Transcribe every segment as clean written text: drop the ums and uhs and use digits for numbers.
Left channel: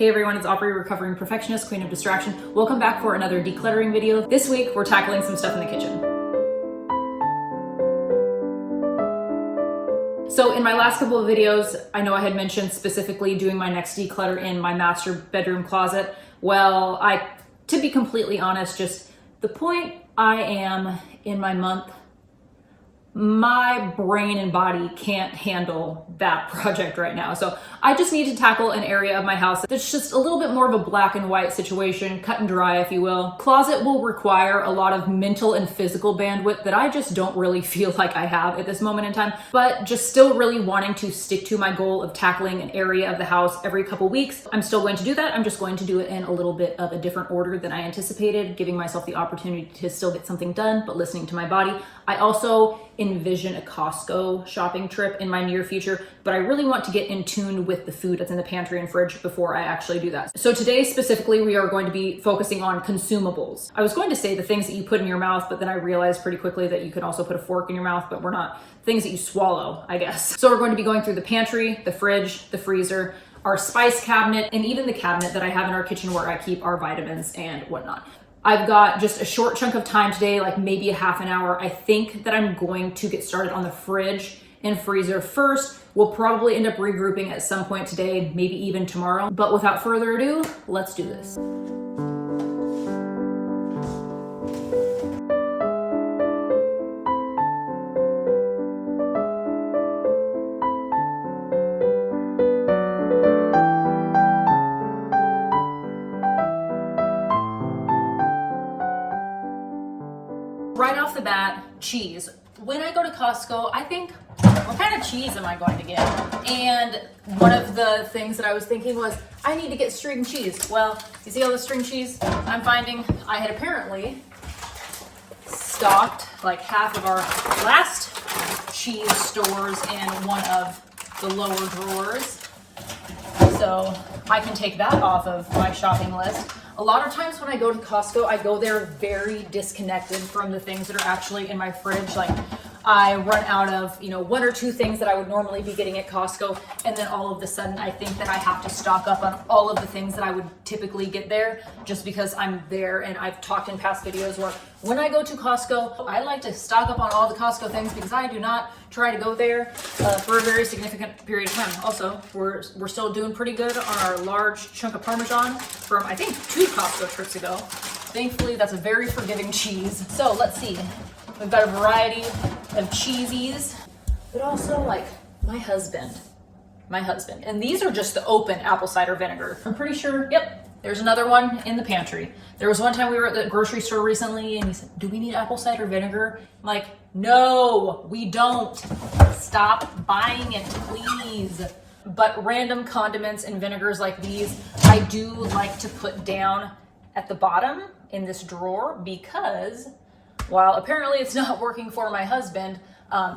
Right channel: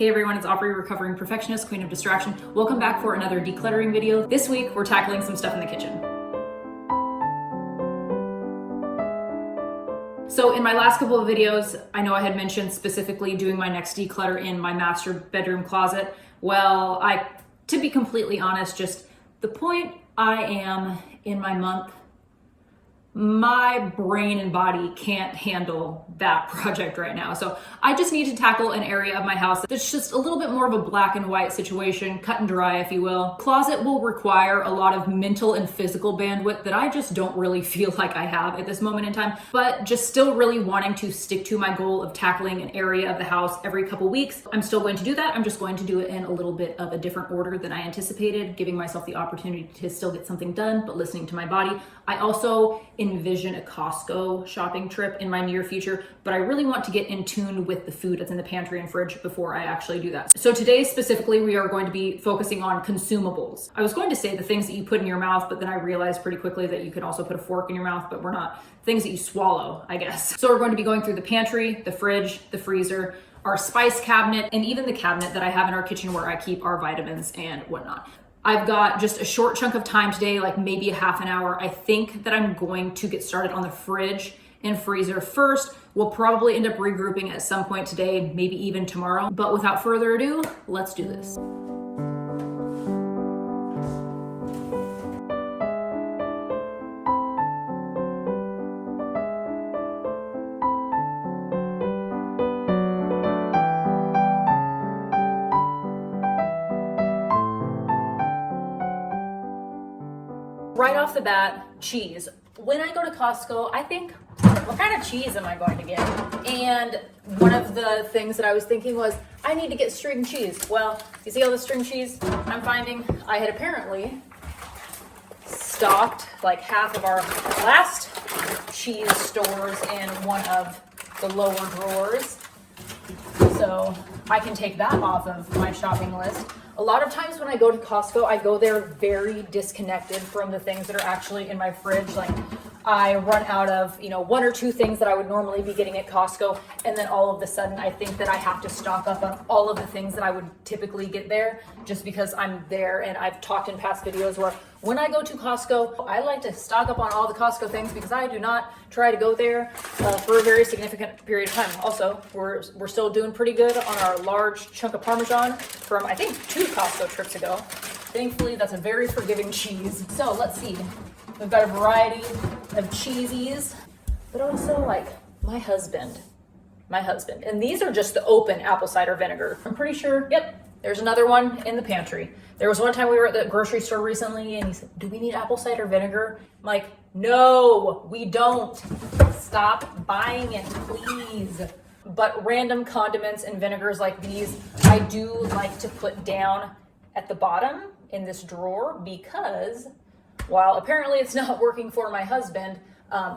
Hey everyone, it's Aubrey, recovering perfectionist, queen of distraction. Welcome back for another decluttering video. This week, we're tackling some stuff in the kitchen. So in my last couple of videos, I know I had mentioned specifically doing my next declutter in my master bedroom closet. Well, to be completely honest, just the point I am in my month, my brain and body can't handle that project right now. So I just need to tackle an area of my house that's just a little bit more of a black and white situation, cut and dry, if you will. Closet will require a lot of mental and physical bandwidth that I just don't really feel like I have at this moment in time, but just still really wanting to stick to my goal of tackling an area of the house every couple weeks. I'm still going to do that. I'm just going to do it in a little bit of a different order than I anticipated, giving myself the opportunity to still get something done, but listening to my body. I also envision a Costco shopping trip in my near future, but I really want to get in tune with the food that's in the pantry and fridge before I actually do that. So today specifically, we are going to be focusing on consumables. I was going to say the things that you put in your mouth, but then I realized pretty quickly that you can also put a fork in your mouth, but we're not. Things that you swallow, I guess. So we're going to be going through the pantry, the fridge, the freezer, our spice cabinet, and even the cabinet that I have in our kitchen where I keep our vitamins and whatnot. I've got just a short chunk of time today, like maybe a half an hour. I think that I'm going to get started on the fridge and freezer first. We'll probably end up regrouping at some point today, maybe even tomorrow. But without further ado, let's do this. Right off the bat, cheese. When I go to Costco, I think, what kind of cheese am I going to get? And one of the things that I was thinking was, I need to get string cheese. Well, you see all the string cheese I'm finding? I had apparently stocked like half of our last cheese stores in one of the lower drawers. So I can take that off of my shopping list. A lot of times when I go to Costco, I go there very disconnected from the things that are actually in my fridge. Like I run out of, one or two things that I would normally be getting at Costco. And then all of a sudden I think that I have to stock up on all of the things that I would typically get there just because I'm there. And I've talked in past videos where when I go to Costco, I like to stock up on all the Costco things because I do not try to go there for a very significant period of time. Also, we're still doing pretty good on our large chunk of Parmesan from, I think, 2 Costco trips ago. Thankfully, that's a very forgiving cheese. So let's see. We've got a variety of cheesies, but also like my husband. And these are just the open apple cider vinegar. I'm pretty sure, yep, there's another one in the pantry. There was one time we were at the grocery store recently and he said, do we need apple cider vinegar? I'm like, no, we don't. Stop buying it, please. But random condiments and vinegars like these, I do like to put down at the bottom in this drawer because while apparently it's not working for my husband,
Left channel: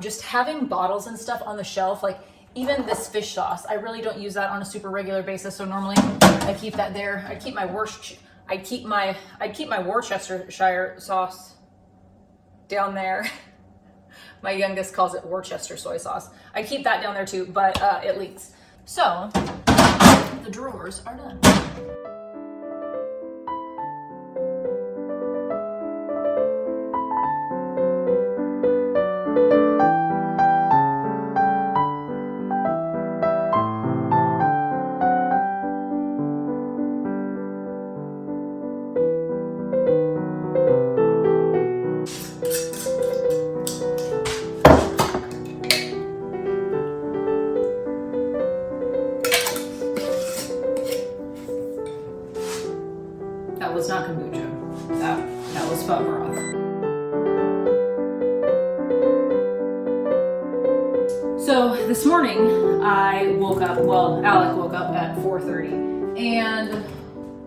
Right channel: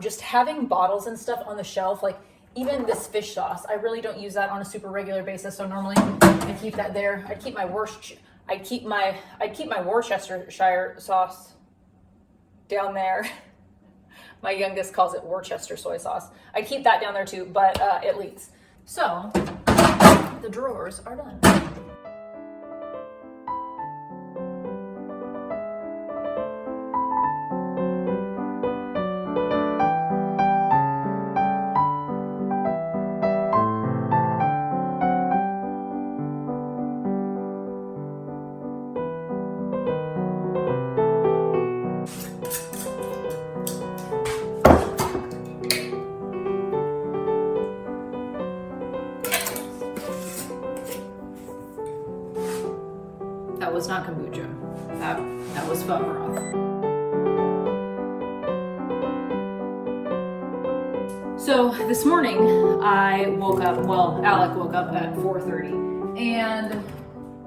just having bottles and stuff on the shelf, like even this fish sauce, I really don't use that on a super regular basis. So normally I keep that there. I keep my Worcestershire sauce down there. My youngest calls it Worcester soy sauce. I keep that down there too, but it leaks. So the drawers are done. That was not kombucha. That was foam broth. So this morning I woke up, Alec woke up at 4:30 and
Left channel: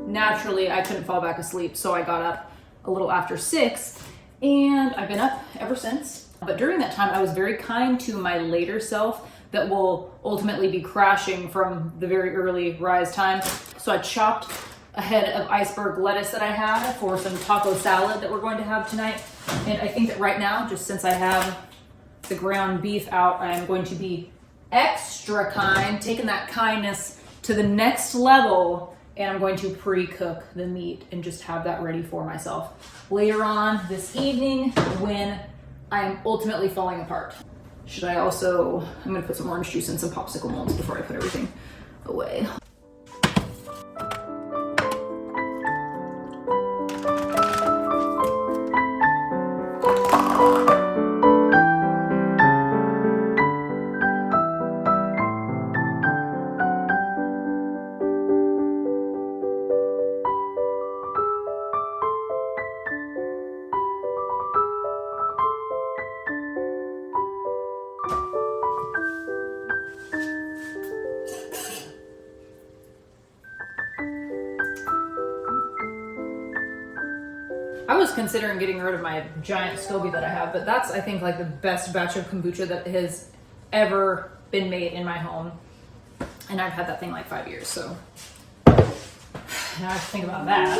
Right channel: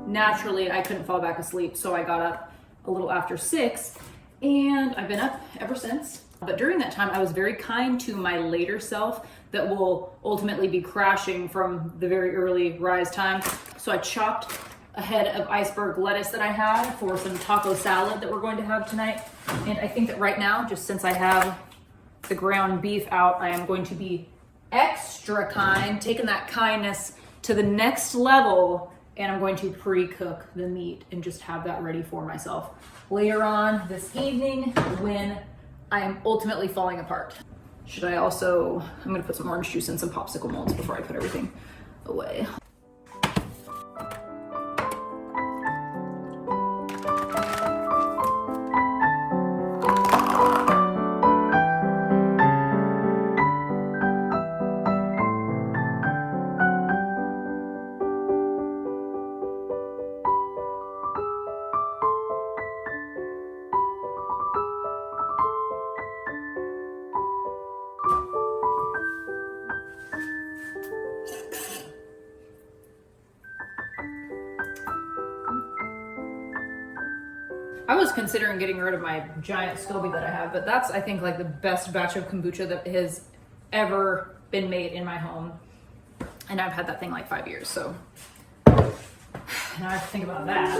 naturally I couldn't fall back asleep. So I got up a little after 6 and I've been up ever since. But during that time I was very kind to my later self that will ultimately be crashing from the very early rise time. So I chopped a head of iceberg lettuce that I had for some taco salad that we're going to have tonight. And I think that right now, just since I have the ground beef out, I am going to be extra kind, taking that kindness to the next level and I'm going to pre-cook the meat and just have that ready for myself later on this evening when I am ultimately falling apart. Should I also, I'm gonna put some orange juice in some popsicle molds before I put everything away. I was considering getting rid of my giant SCOBY that I have, but that's, I think, like the best batch of kombucha that has ever been made in my home. And I've had that thing like 5 years, so now I have to think about that.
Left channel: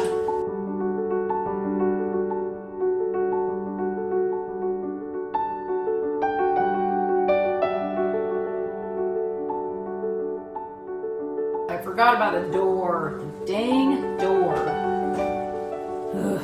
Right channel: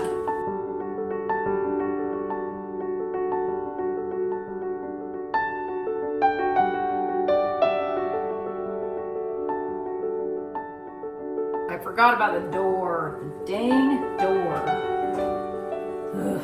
I forgot about the door. The dang door. Ugh.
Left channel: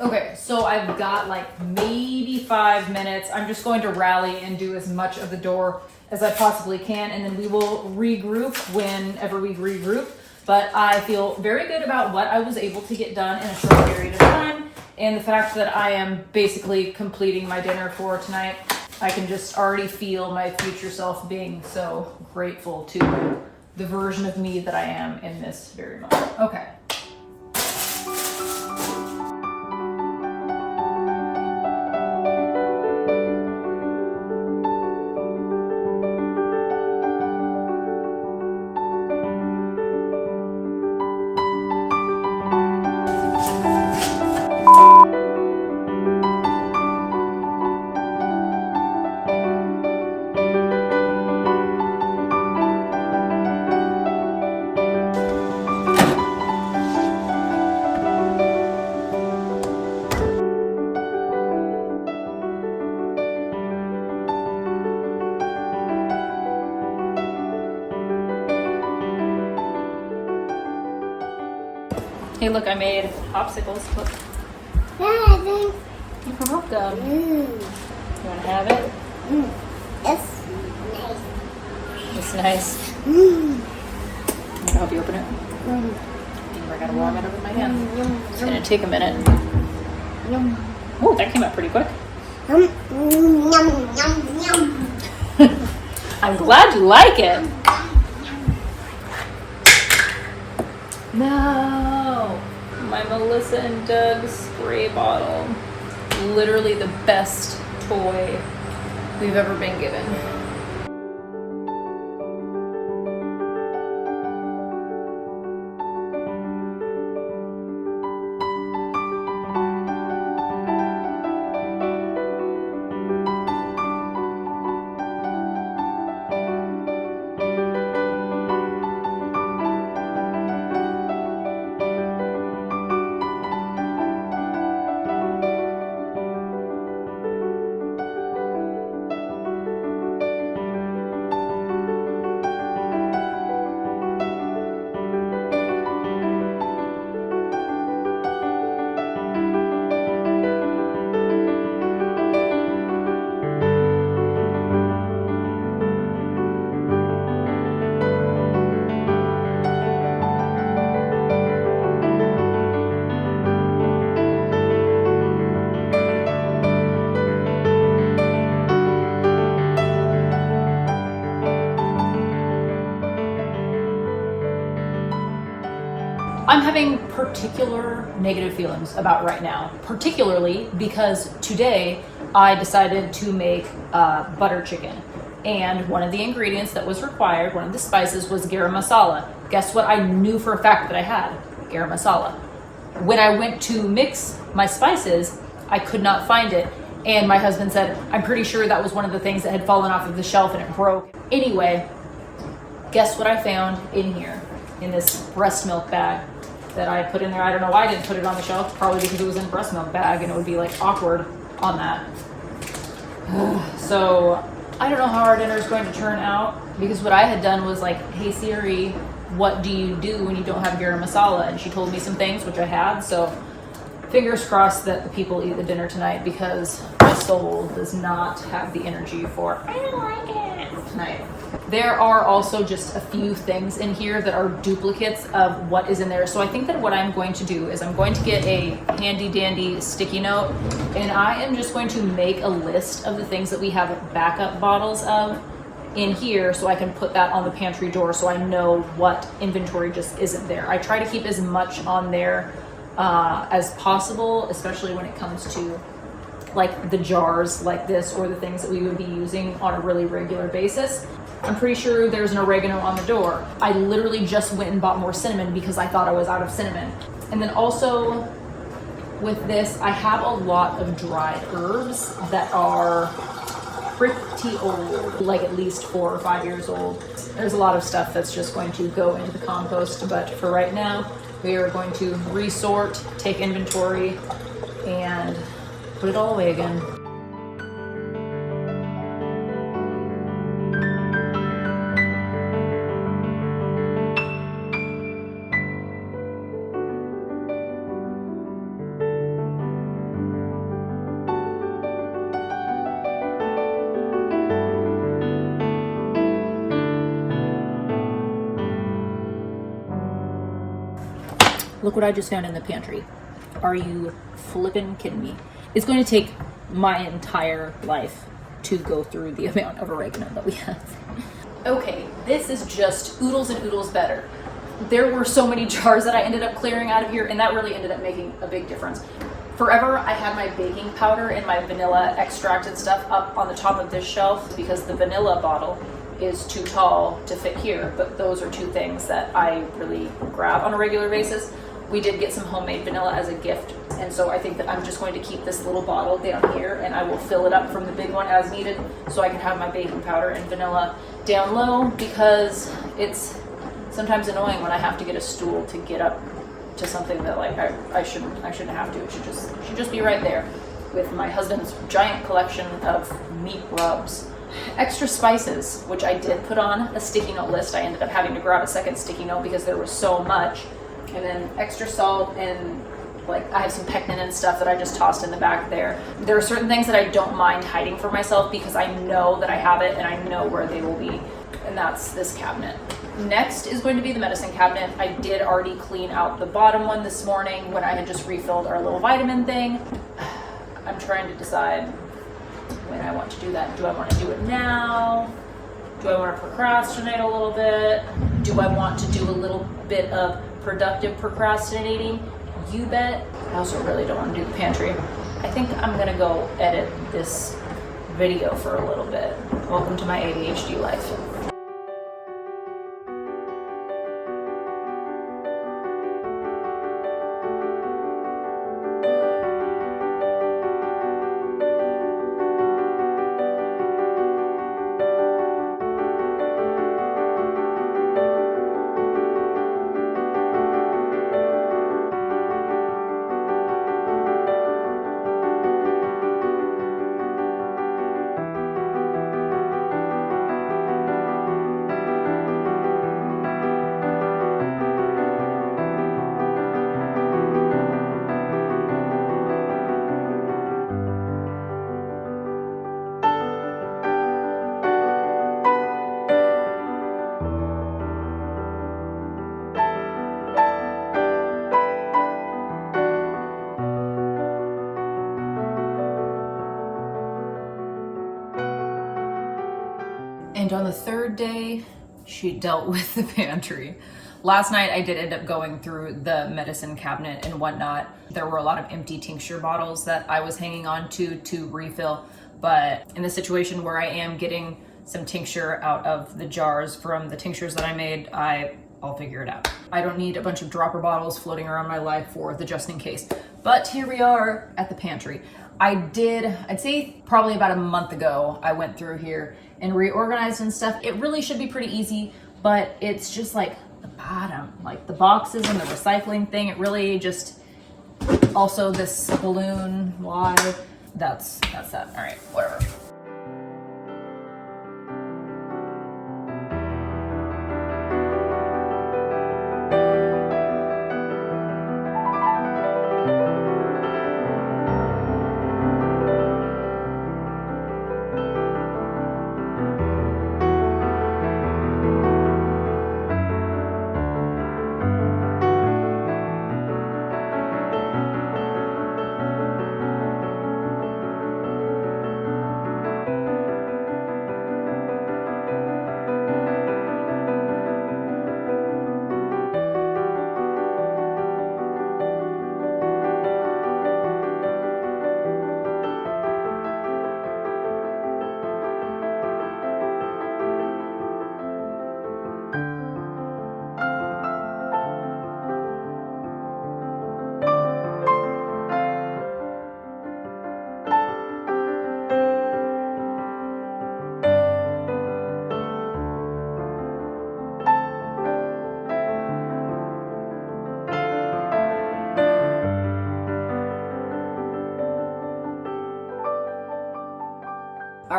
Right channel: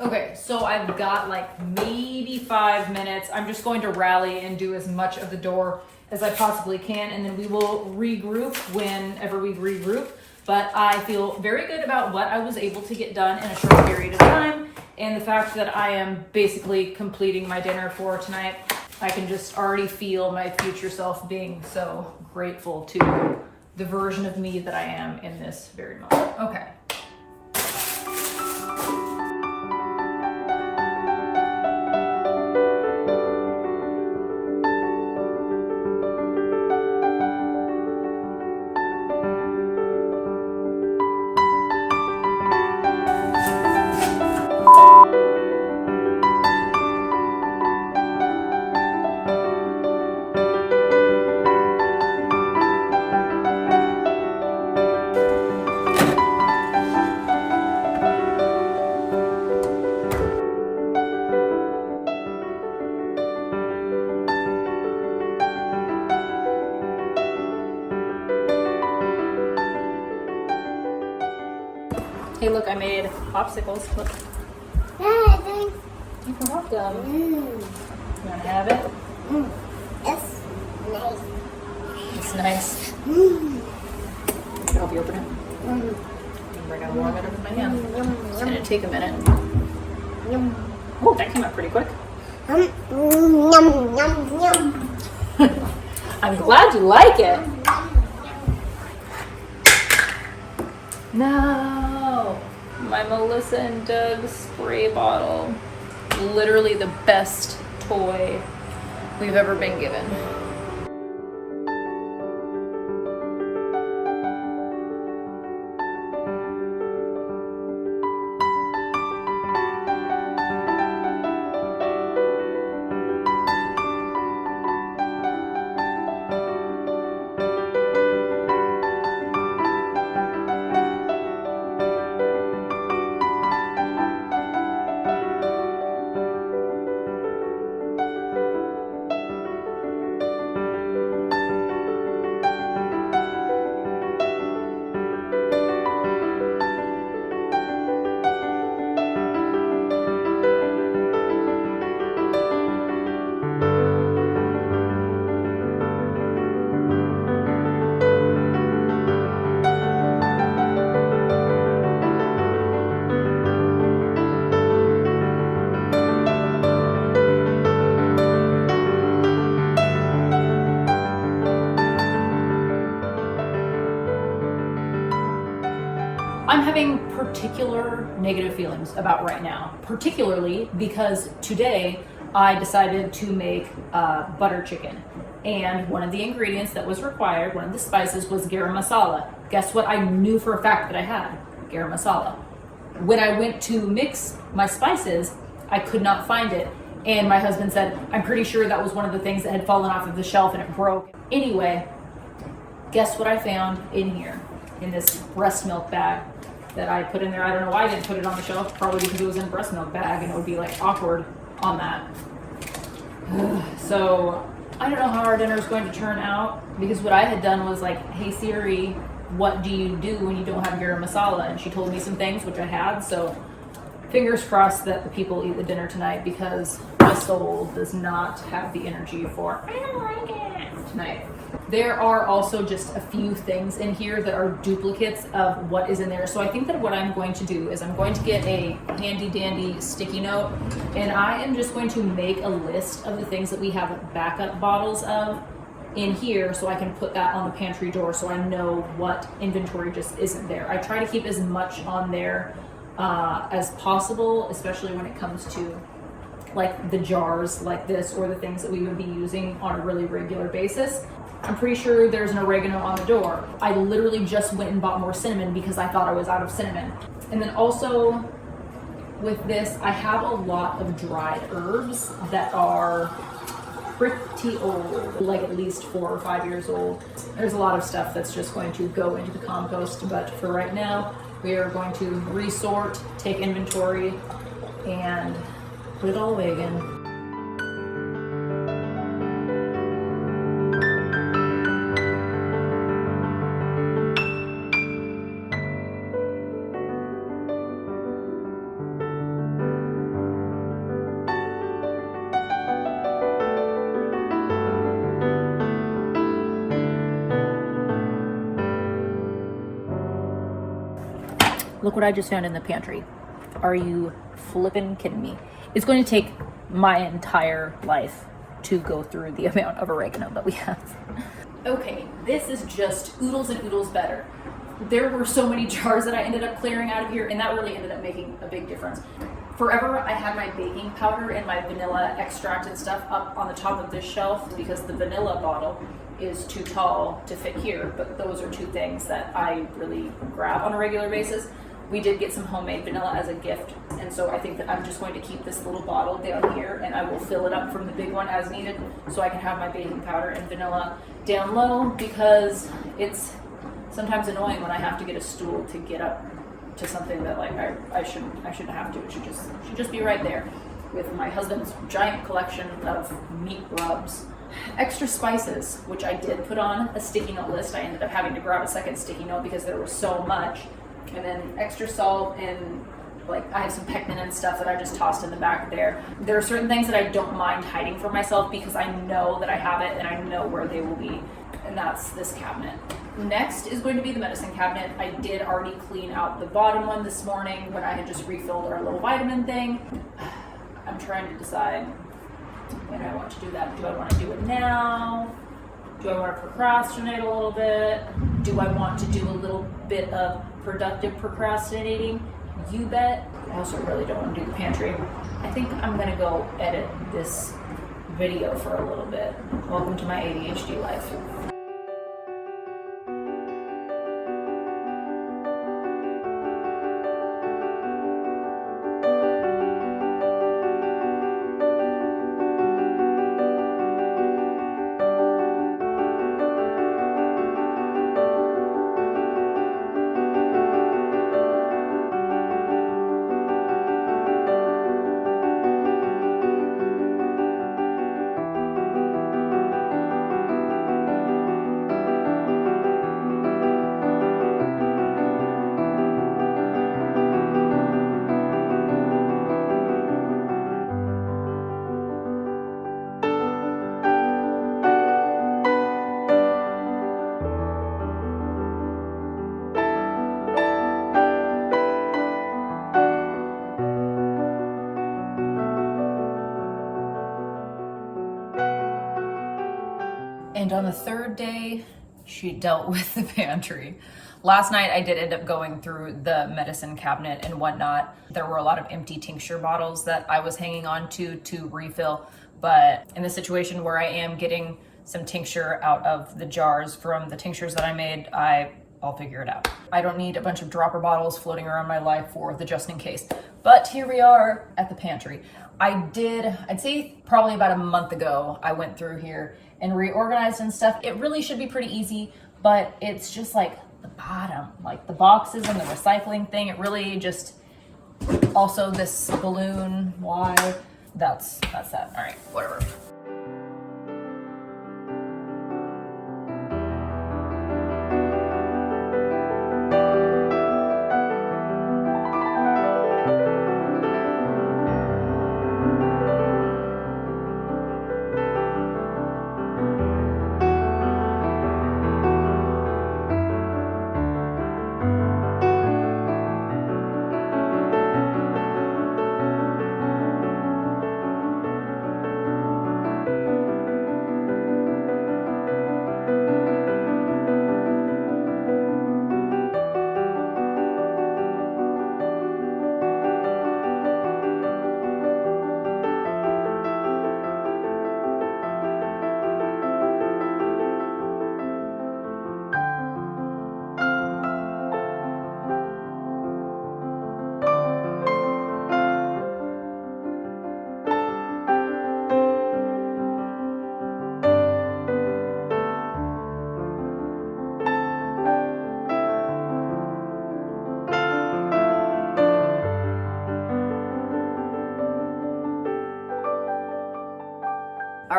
Okay, so I've got like maybe 5 minutes. I'm just going to rally and do as much of the door as I possibly can, and then we will regroup whenever we regroup. But I feel very good about what I was able to get done in a short period of time, and the fact that I am basically completing my dinner for tonight. I can just already feel my future self being so grateful to the version of me that I am in this very moment. Okay. Hey, look, I made popsicles. Look. You're welcome. You want to have it? It's nice. It's nice. Can I help you open it? I gotta warm it up with my hand. It's gonna take a minute. Oh, that came out pretty quick. I'm glad you like it. No, my Melissa and Doug spray bottle. Literally the best toy we've ever been given. I'm having particular negative feelings about right now, particularly because today I decided to make butter chicken. And one of the ingredients that was required, one of the spices, was garam masala. Guess what I knew for a fact that I had? Garam masala. When I went to mix my spices, I could not find it. And my husband said, I'm pretty sure that was one of the things that had fallen off of the shelf and it broke. Anyway, guess what I found in here, in this breast milk bag that I put in there. I don't know why I didn't put it on the shelf, probably because it was in a breast milk bag and it would be like awkward on that. So I don't know how our dinner is going to turn out, because what I had done was like, hey Siri, what do you do when you don't have garam masala? And she told me some things, which I had, so fingers crossed that the people eat the dinner tonight, because my soul does not have the energy for I don't like it tonight. There are also just a few things in here that are duplicates of what is in there. So I think that what I'm going to do is I'm going to get a handy dandy sticky note, and I am just going to make a list of the things that we have backup bottles of in here, so I can put that on the pantry door so I know what inventory just isn't there. I try to keep as much on there as possible, especially when it comes to like the jars like this or the things that we would be using on a really regular basis. I'm pretty sure there's an oregano on the door. I literally just went and bought more cinnamon because I thought I was out of cinnamon. And then also with this, I have a lot of dried herbs that are pretty old, like at least 4 or 5 years old. There's a lot of stuff that's just going to go into the compost, but for right now, we are going to resort, take inventory, and put it all away again. Look what I just found in the pantry. Are you flippin' kidding me? It's going to take my entire life to go through the amount of oregano that we have. Okay, this is just oodles and oodles better. There were so many jars that I ended up clearing out of here, and that really ended up making a big difference. Forever, I had my baking powder and my vanilla extract and stuff up on the top of this shelf because the vanilla bottle is too tall to fit here, but those are two things that I really grab on a regular basis. We did get some homemade vanilla as a gift, and so I think that I'm just going to keep this little bottle down here, and I will fill it up from the big one as needed so I can have my baking powder and vanilla down low, because it's sometimes annoying when I have to get a stool to get up to something that like I shouldn't have to. It should just be right there with my husband's giant collection of meat rubs. Extra spices, which I did put on a sticky note list. I ended up having to grab a second sticky note because there was so much. And then extra salt, and like I have some pectin and stuff that I just tossed in the back there. There are certain things that I don't mind hiding from myself because I know that I have it and I know where they will be. And that's this cabinet. Next is going to be the medicine cabinet. I did already clean out the bottom one this morning when I had just refilled our little vitamin thing. I'm trying to decide when I want to do that. Do I want to do it now? Do I want to procrastinate a little bit? Do I want to do a little bit of productive procrastinating? You bet. I also really don't want to do the pantry. I think I'm gonna go edit this video for a little bit. Welcome to my ADHD life. And on the third day, she dealt with the pantry. Last night, I did end up going through the medicine cabinet and whatnot. There were a lot of empty tincture bottles that I was hanging on to refill. But in the situation where I am getting some tincture out of the jars from the tinctures that I made, I'll figure it out. I don't need a bunch of dropper bottles floating around my life for the just in case. But here we are at the pantry. I'd say probably about a month ago, I went through here and reorganized and stuff. It really should be pretty easy, but it's just like the bottom, like the boxes and the recycling thing. It really just, also this balloon, why? That's that. All right, whatever.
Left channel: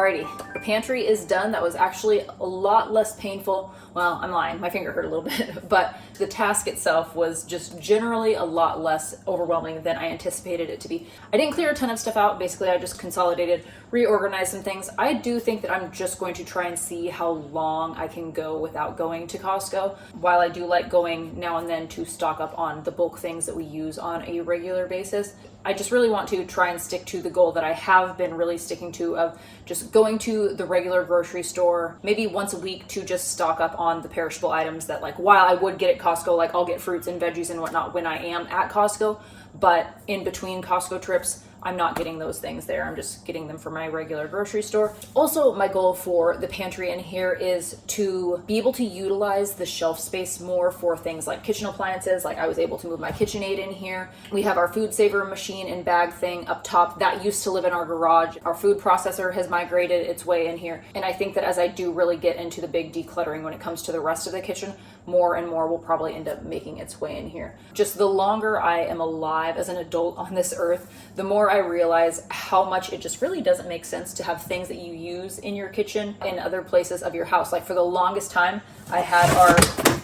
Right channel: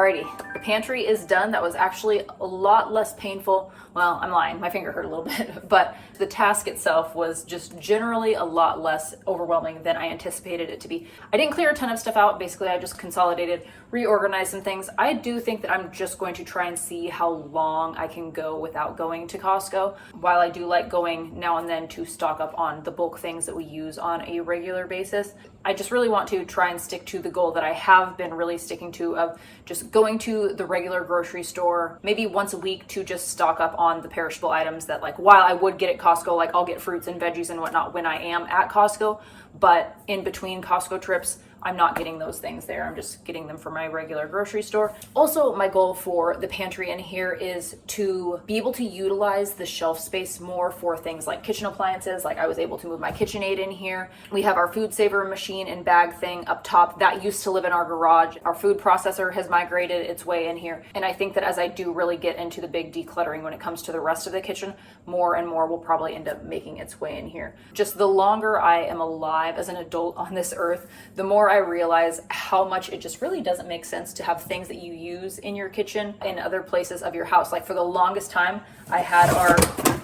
Alrighty, the pantry is done. That was actually a lot less painful. Well, I'm lying, my finger hurt a little bit, but the task itself was just generally a lot less overwhelming than I anticipated it to be. I didn't clear a ton of stuff out. Basically, I just consolidated, reorganized some things. I do think that I'm just going to try and see how long I can go without going to Costco. While I do like going now and then to stock up on the bulk things that we use on a regular basis, I just really want to try and stick to the goal that I have been really sticking to of just going to the regular grocery store maybe once a week to just stock up on the perishable items that, like, while I would get at Costco, like I'll get fruits and veggies and whatnot when I am at Costco, but in between Costco trips, I'm not getting those things there. I'm just getting them from my regular grocery store. Also, my goal for the pantry in here is to be able to utilize the shelf space more for things like kitchen appliances. Like I was able to move my KitchenAid in here. We have our food saver machine and bag thing up top that used to live in our garage. Our food processor has migrated its way in here. And I think that as I do really get into the big decluttering when it comes to the rest of the kitchen, more and more will probably end up making its way in here. Just the longer I am alive as an adult on this earth, the more I realize how much it just really doesn't make sense to have things that you use in your kitchen in other places of your house. Like for the longest time, I had our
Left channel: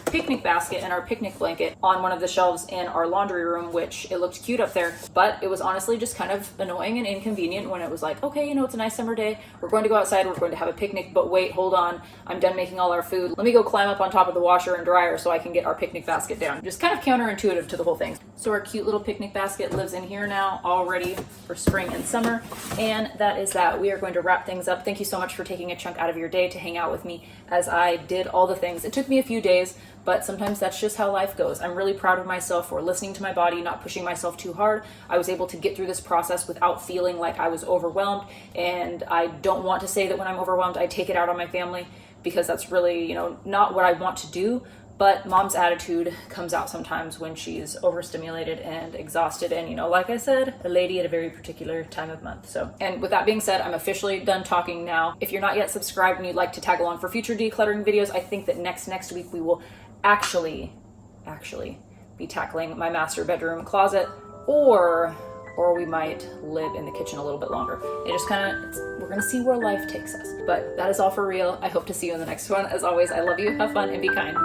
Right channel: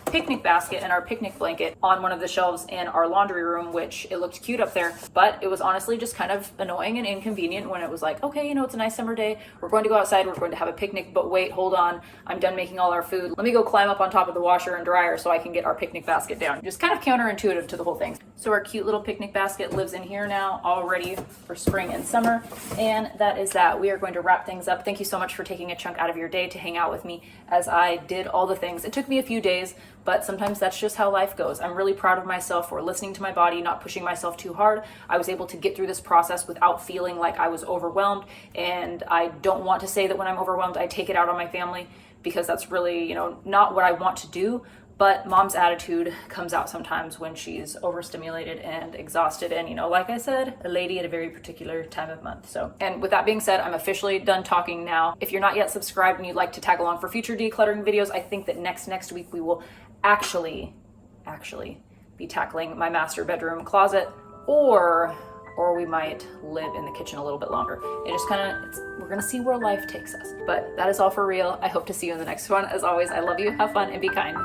picnic basket and our picnic blanket on one of the shelves in our laundry room, which it looked cute up there, but it was honestly just kind of annoying and inconvenient when it was like, okay, it's a nice summer day, we're going to go outside, we're going to have a picnic, but wait, hold on, I'm done making all our food, let me go climb up on top of the washer and dryer so I can get our picnic basket down. Just kind of counterintuitive to the whole thing. So our cute little picnic basket lives in here now, all ready for spring and summer, and that is that. We are going to wrap things up. Thank you so much for taking a chunk out of your day to hang out with me as I did all the things. It took me a few days, but sometimes that's just how life goes. I'm really proud of myself for listening to my body, not pushing myself too hard. I was able to get through this process without feeling like I was overwhelmed. And I don't want to say that when I'm overwhelmed, I take it out on my family, because that's really, not what I want to do. But mom's attitude comes out sometimes when she's overstimulated and exhausted. And, like I said, a lady at a very particular time of month. So, and with that being said, I'm officially done talking now. If you're not yet subscribed and you'd like to tag along for future decluttering videos, I think that next week we will actually be tackling my master bedroom closet, or we might live in the kitchen a little bit longer. It just we're gonna see where life takes us. But that is all for real. I hope to see you in the next one. As always, I love you, have fun, and be kind.